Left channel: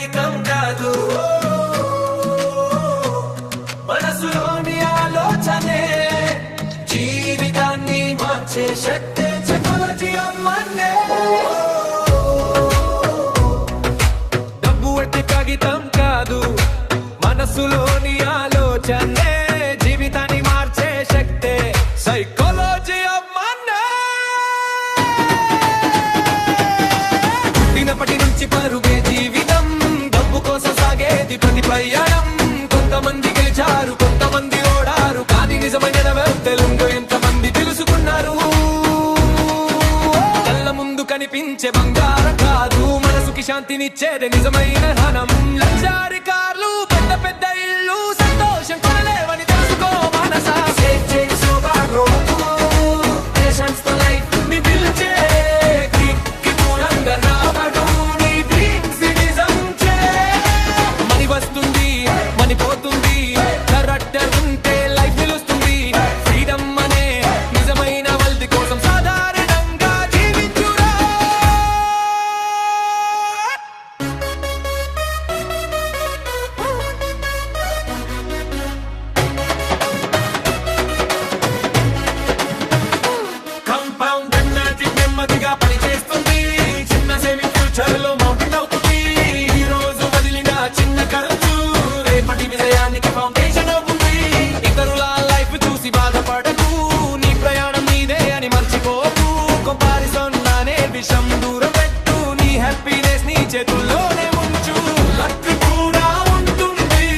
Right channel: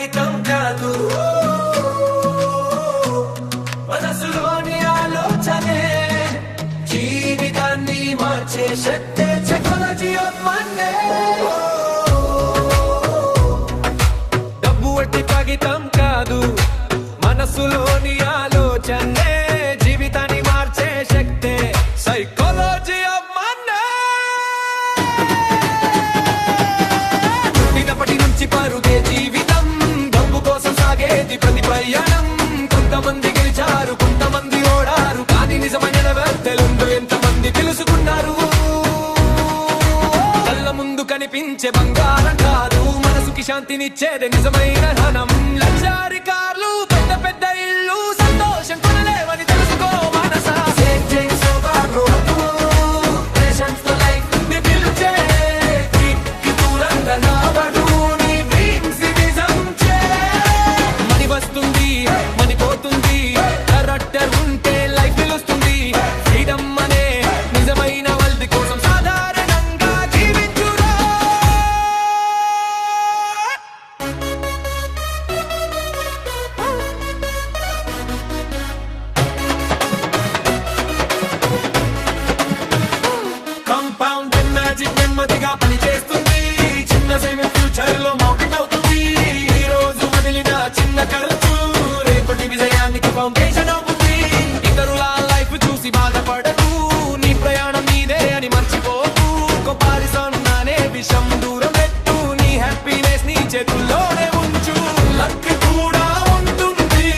కాగితం కాదు, మనసులోని ఆలోచనే జీవితాన్ని మార్చే శక్తే సైకాలజీ అమ్మనే. డబ్బు ఎట్టి కాగితం కాదు, మనసులోని ఆలోచనే జీవితాన్ని మార్చే శక్తే సైకాలజీ అమ్మనే. పుట్టినప్పటి నుంచి పరుగే జీవితం, డబ్బు కోసం సాగేది ప్రతి ప్రయాణం. కొంతమంది గెలిచారు, కొంతమంది ఓడారు, కానీ నిజమైన వెల్తెలుందో ఎంతమంది తెలుసుకున్నారు. కళ్ళ ముందు కనిపించే బంగారం కాదు, మనసుకి శాంతినిచ్చేదే నిజమైన ధనం. లగ్జరీ కార్లు, పెద్ద పెద్ద ఇల్లు, సంతోషం కొనలేవని తెలుసుకో మనసా. వస్తుంది మని పోతుంది, కరెక్టర్ ఉంటే లైఫ్ నిలుస్తుంది. ఫ్రీడమ్ అనే నిజమైన వల్ది కోసం సాధారణంగా జీవించురా. కంపౌండ్ అండ్ మ్యాజిక్ నెమ్మదిగా పనిచేస్తుంది, చిన్న సేవింగ్ ఫ్యూచర్ లో మౌంటైన్ అవుతుంది. ఈ రోజు వదిలిన చిన్న ఖర్చు రేపటి విజయానికి ఫౌండేషన్ అవుతుంది. ఇతరుల లైఫ్ చూసి బాధపడకు, నీ ప్రయాణం నీదే అని మర్చిపోకు. కంపారిజన్ అనే విషం దూరం పెట్టు, నీ హ్యాపీనెస్ నీ చేతుల్లోనే ఉంచు. లక్ కూడా ఉంటుంది,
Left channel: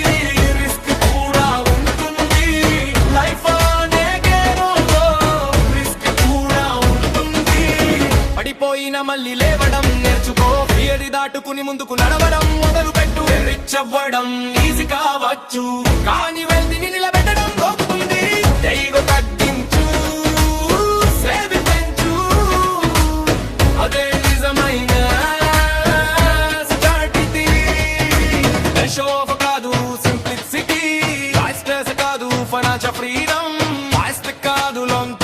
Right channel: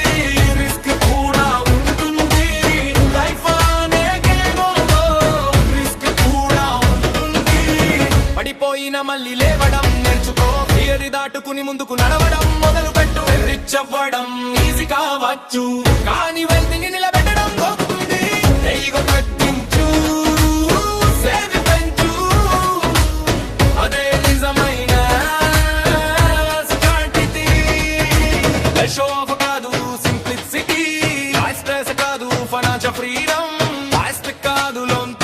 రిస్క్ కూడా ఉంటుంది, లైఫ్ అనే గేమ్లో రిస్క్ కూడా ఉంటుంది. పడిపోయిన మళ్ళీ లేవడం నేర్చుకో, థియరీ దాటుకుని ముందుకు నడవడం మొదలు పెట్టు. రిచ్ అవ్వడం ఈజీ కావచ్చు, కానీ వెల్తీని నిలబెట్టడం గొప్పతుంది. ఈగో తగ్గించు, సేవింగ్ పెంచు, అదే నిజమైన స్టార్ట్. ఇది షో ఆఫ్ కాదు, సింప్లిసిటీ. స్ట్రెస్ కాదు, ఫైనాన్షియల్ ఫ్రీడమ్. ఫాస్ట్ కాదు, లోన్